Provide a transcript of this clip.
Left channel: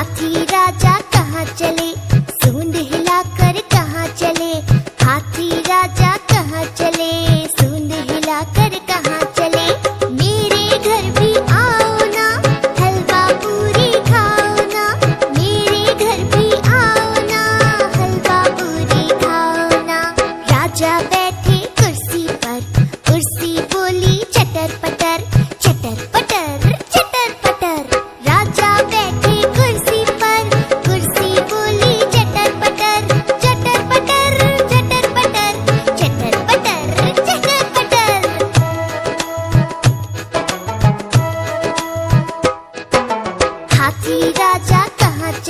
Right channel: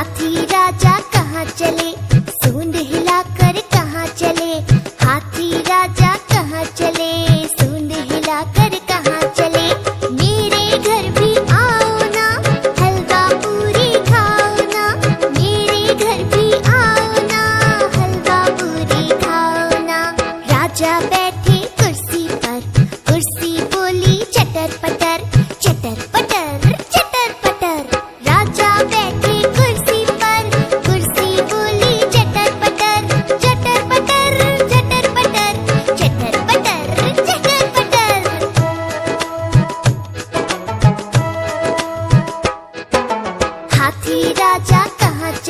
हाथी राजा कहाँ चले, सूंड हिलाकर कहाँ चले। हाथी राजा कहाँ चले, सूंड हिलाकर कहाँ चले। मेरे घर भी आओ ना, हलवा पूरी खाओ ना। मेरे घर भी आओ ना, हलवा पूरी खाओ ना। राजा बैठे कुर्सी पर, कुर्सी बोली चटर पटर, चटर पटर चटर पटर। राजा बैठे कुर्सी पर, कुर्सी बोली चटर पटर, चटर पटर चटर पटर, चटर पटर चटर पटर। हाथी राजा कहाँ चले।